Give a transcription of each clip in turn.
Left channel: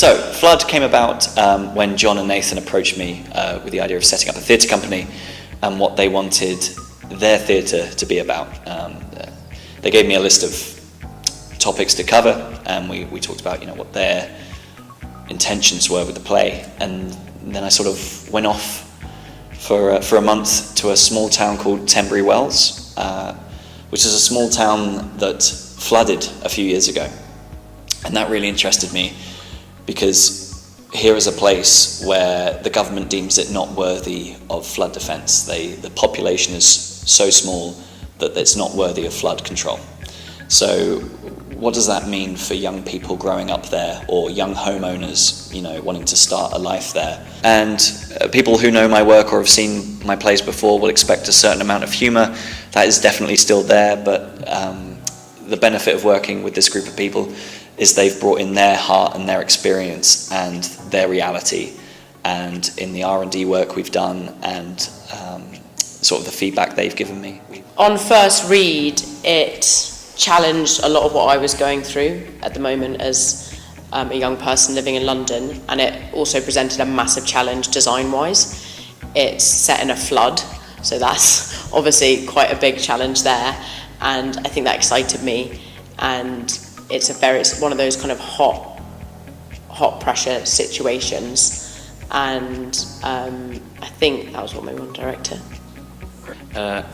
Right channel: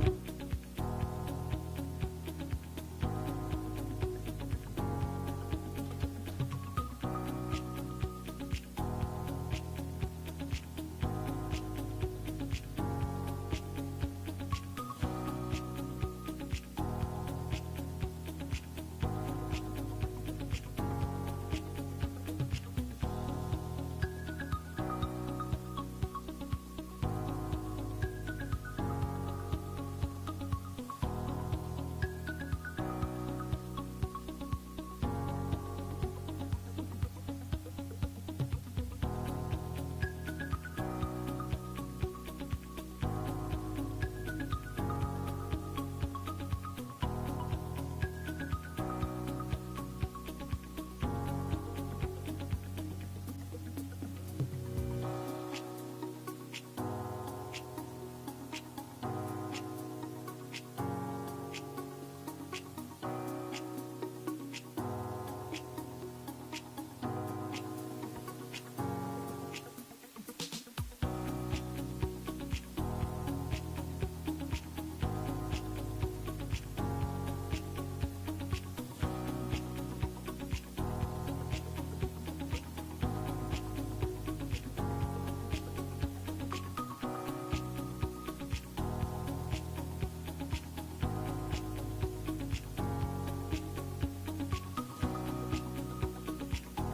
So, Flood came about when John and Nathan approached me with the idea of setting up a theatre company and what they wanted their theatre to be about. They gave me a list of topics to cover, and we talked about what their intentions were with the play, and then I sort of went off for a month to a small town called Tenbury Wells, which is a small town that flooded a few years ago, and that really interested me because here is a place where the government deems it not worthy of flood defence. The population is so small that it's not worthy of flood control. So what does that mean for young people growing up there, or young homeowners, wanting to start a life there? And people who know my work or have seen my plays before will expect a certain amount of humour. That is definitely still there, but the benefit of working with this group of people is they've brought in their heart and their experience and their reality, and in the R&D work we've done and sort of the feedback they've given me. On first read, it challenged a lot of what I was going through at the moment as a young person living in London, and it also presented a massive challenge design-wise. It's set in a flood, so that's obviously quite a big challenge there, and I think that excited me, and it's one of those kind of hot pressure situations, and I think that was what made me want to direct it.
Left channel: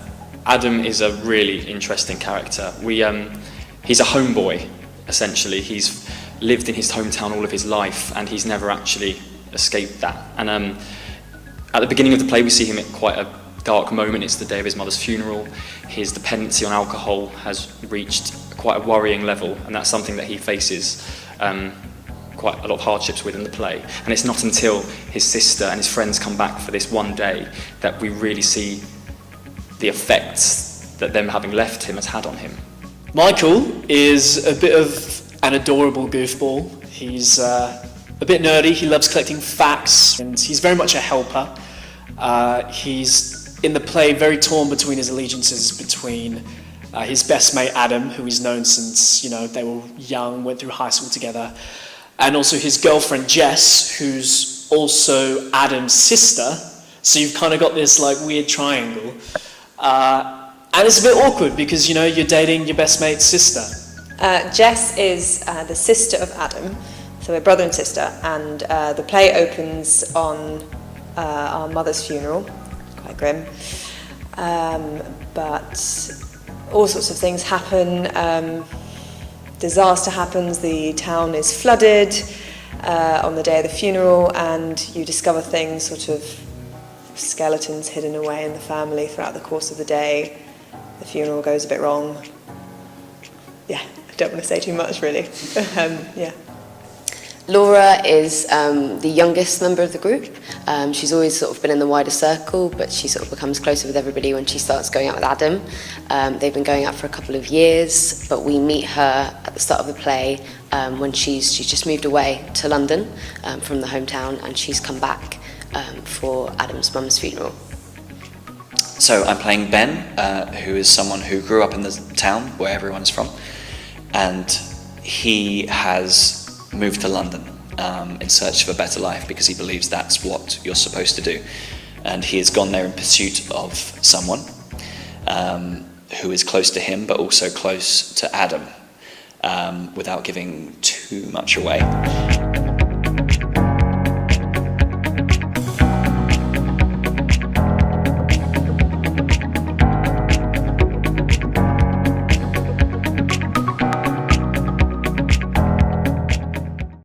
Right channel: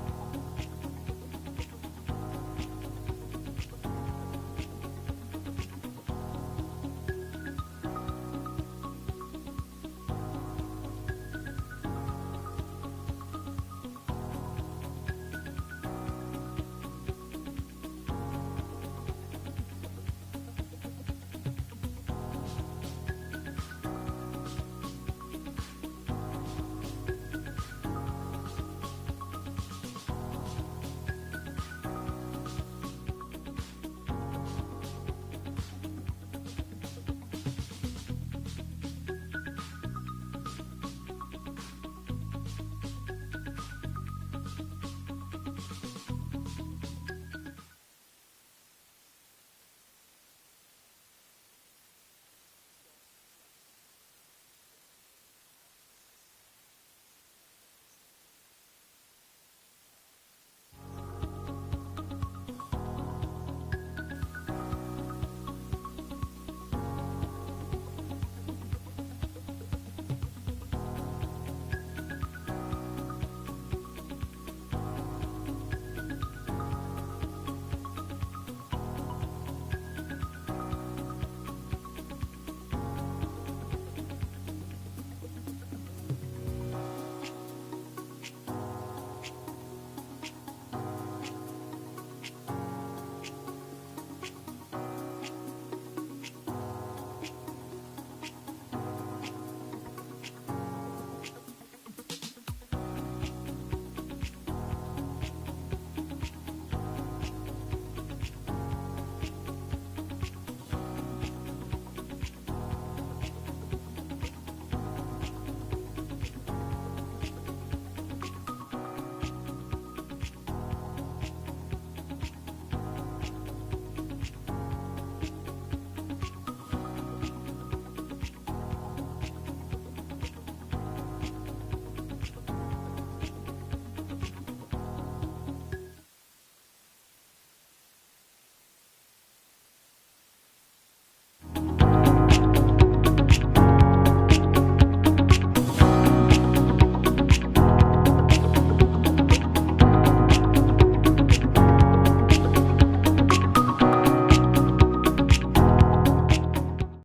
Adam is a really interesting character. He's a homeboy, essentially. He's lived in his hometown all of his life, and he's never actually escaped that. And at the beginning of the play, we see him at quite a dark moment. It's the day of his mother's funeral. His dependency on alcohol has reached quite a worrying level, and that's something that he faces quite a lot of hardships with in the play. And it's not until his sister and his friends come back for this one day that we really see the effects that them having left him has had on him. Michael is a bit of an adorable goofball. He's a bit nerdy, he loves collecting facts, and he's very much a helper. He's in the play very torn between his allegiances between his best mate Adam, who he's known since they were young, went through high school together, and also his girlfriend Jess, who's also Adam's sister. So you've kind of got this weird triangle. And it's a bit awkward because you're dating your best mate's sister. Jess is the sister of Adam, so we're brother and sister, and the play opens on our mother's funeral, quite grim, but all sorts of things happen. Disaster happens, the town is flooded on the day of the funeral, and you discover things, sort of skeletons hidden away in the family throughout the course of the day. The funeral goes a bit wrong. Yeah, I don't want to say too much really. Yeah. Laura is the youngest member of the group. She's always sort of been in the wider circle, but she sort of becomes closer with everybody when she starts going out with Adam. They've been going out for a couple of years, but we meet her at the start of the play when she's just moved away to London from the hometown, and she's come back for Adam's mum's funeral. So I'm playing Ben, who is someone who grew up in the town where everyone's from, and he has moved to London in search of a better life because he believes that's what you're supposed to do. And he has gone there in pursuit of someone who is close to him but also close to Adam, without giving too much away.